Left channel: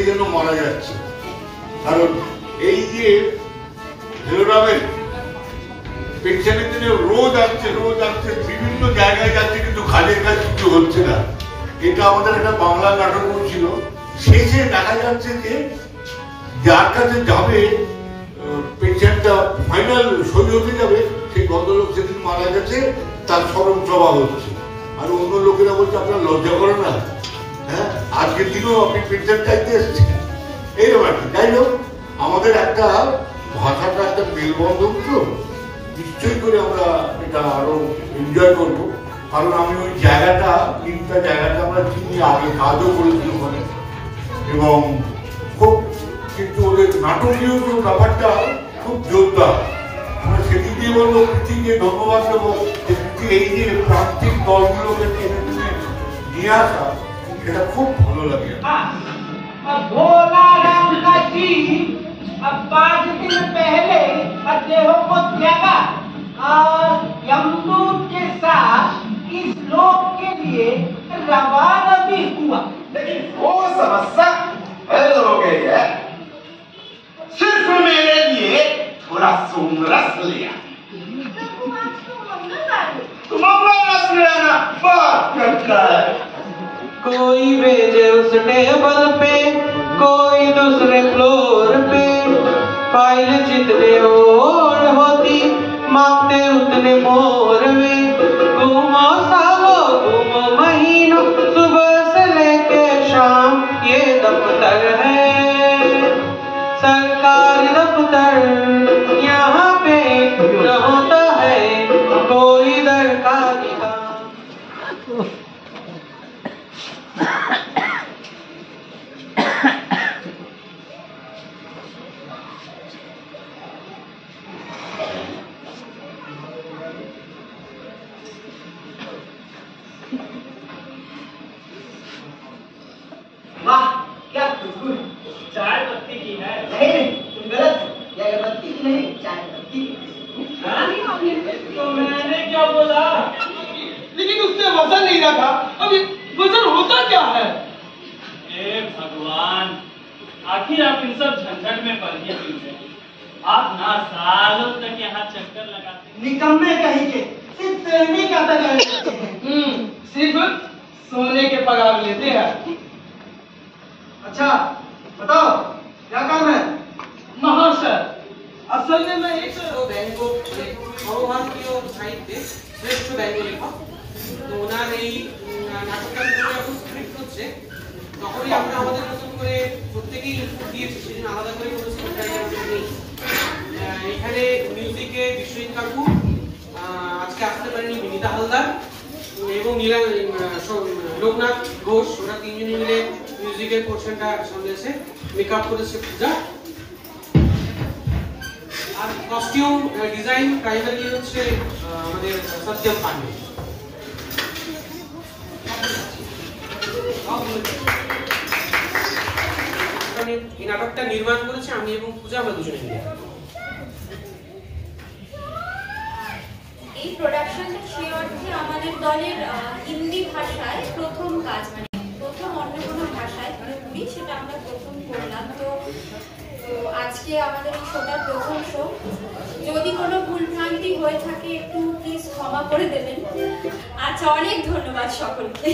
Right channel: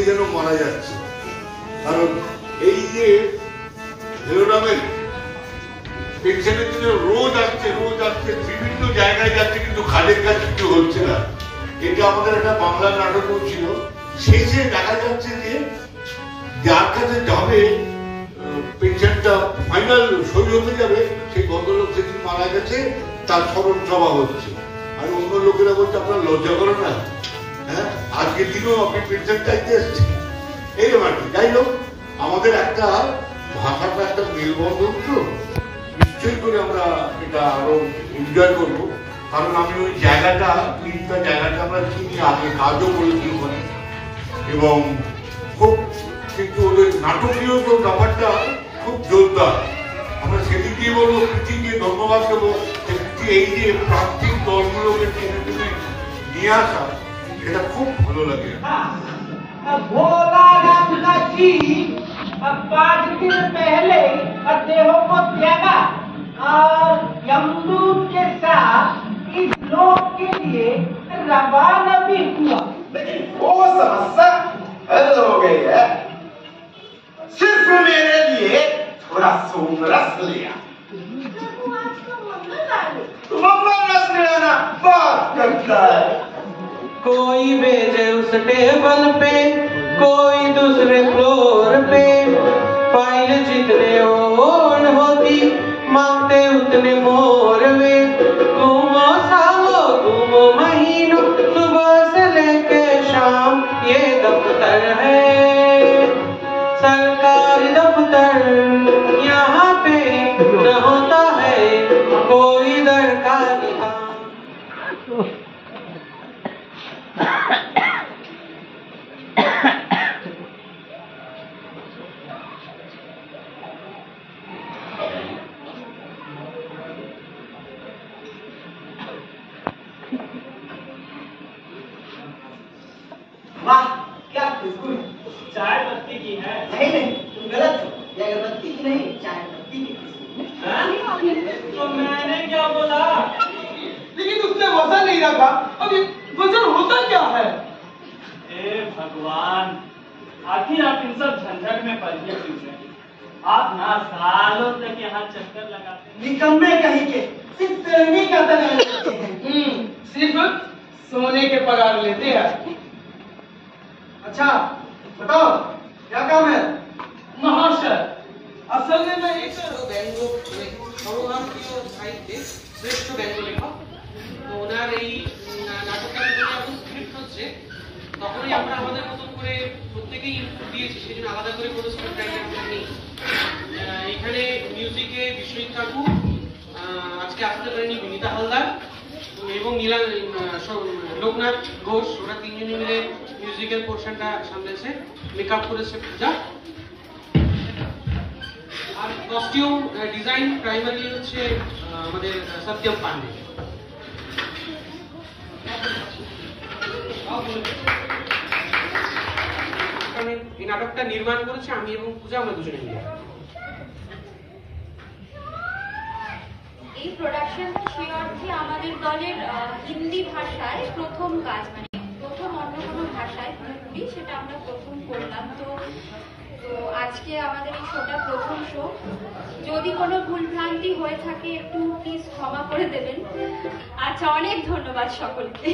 সে যেন মারা যাচ্ছে। কারণ এই যে হেরোরামের পেনশনের জন্য রোজ আসছে বিভিন্ন জায়গায় যাচ্ছে, কিন্তু কাজের কাজ কিছু হচ্ছে না। এটা আমাদের একটা বাংলা নাটকও ছিল। শেষে দেখা যাচ্ছে যে যার কাছে যাবে পেনশনটা ফাইনাল সই হতে যাবে, সেই ভদ্রলোক সেদিন মারা গেছে, তার স্মরণ সভা হচ্ছে। আর অন্য লোকেরা বলছে আপনার লজ্জা করে না, হ্যাঁ আজকের দিনেও আপনি পেনশন চাইতে এসেছেন, এইরকম আর কি। যাই হোক, আমাদের একটা ভাষাটা একটা মেলবন্ধন, তো নিশ্চয়ই করে আমরা এটা আরো এনজয় করবো। কারণ আমি ওই জায়গাটা, তিনটা জায়গাটা আমরা চিনি, আগে কাজও করেছি ওখানে, এবং খুব কিন্তু ওদের নাটকীয় তো ব্যাপারটা খুব জোরদার। আমরা সেদিক দিয়ে বলবো প্রীতিকে ধন্যবাদ দেবো, এই যে প্রান্তিক দলগুলোকে টেনে টেনে নিয়ে আসা, এটা খুব ভালো লাগে। भोला राम का जी अब 5 दिन पहले देहों को त्यागा और यमदूत के साथ इस लोक के लिए रवाना भी हुआ। लेकिन वो समस्या हल हो गई है। सिर्फ मेरे लिए थोड़ा सोमरस लिया। तुम अपना रस ले आना, बात करता है। कोई भेजे उस टेबल पे, कोई दूसरे फ्लोर पे, फाइल जितने ओढ़ होती मांगते उतने मोर वे। घूमो सालों घूमो महीनों, सुबह से लेके शाम ये दफ्तर है सरकारी दफ्तर। यहाँ पे न होता है कोई दरकारी काम। वाह क्या खुशबू, चाय पत्ती की है। नहीं तुम गलत हो, ये अगरबत्ती की नहीं चाय पत्ती की। तो मैंने क्या बोला? लेकिन उसने वजन नहीं रखा। अब वजन होता क्या है? हे भगवान, आखिर आप इन सब झंझट में पड़ गए क्यों थे? आप ना सालों तक यहाँ चक्कर लगाते, निकम्मे कहेंगे, सिर्फ तेरहवीं का तक रहते हैं। सिर्फ सोने के पगार लेते हैं। अच्छा बताओ क्या काम है? महाशय असल में मैं एक ব্যঙ্গ সর্বভারতীয় সাহিত্যে শ্রেষ্ঠ ব্যঙ্গ লেখক। তো ওনার এই নাটকটা যখন স্ক্রিপ্ট হচ্ছে, তখনই আমরা আমাদের মতন করে প্রত্যেকেই ইনপুট দিয়েছি, সেই জন্য আলাদা করে কোনো স্ক্রিপ্ট রাইটার আমরা নেই। এখানে মিউজিকে বিশ্বজিৎ কাকু, আজকে আসতে পারেনি বিনীতা হালদার এবং লোকনাথ ঘোষ, ওরা তিনজন মিলে মিউজিকের পোর্শনটা সামলেছে। মেকআপ করেছে পূজা। আর কস্টিউম ডিজাইন প্রাইমারি হচ্ছে আমাদের সত্যম পান্ডে। এই নাটকটা নির্মাণ করেছে আমি এবং পূজা, আমরা দুজনে মিলে। এই প্রোডাকশনটা সে অর্থে আমাদের দলের হিন্দি ভাষায় প্রথম কাজ, মানে প্রথম অন্য কোনো ভাষায় পুরোপুরি সেটা আমরা প্রথম করলাম। তো আজকে আমাদের এই শোটার প্রথম শো। যদি কোনো ভুলভ্রান্তি হয়ে থাকে একটু প্লিজ ক্ষমা করে দেবেন। আচ্ছা, অনেক ধন্যবাদ সকলকে।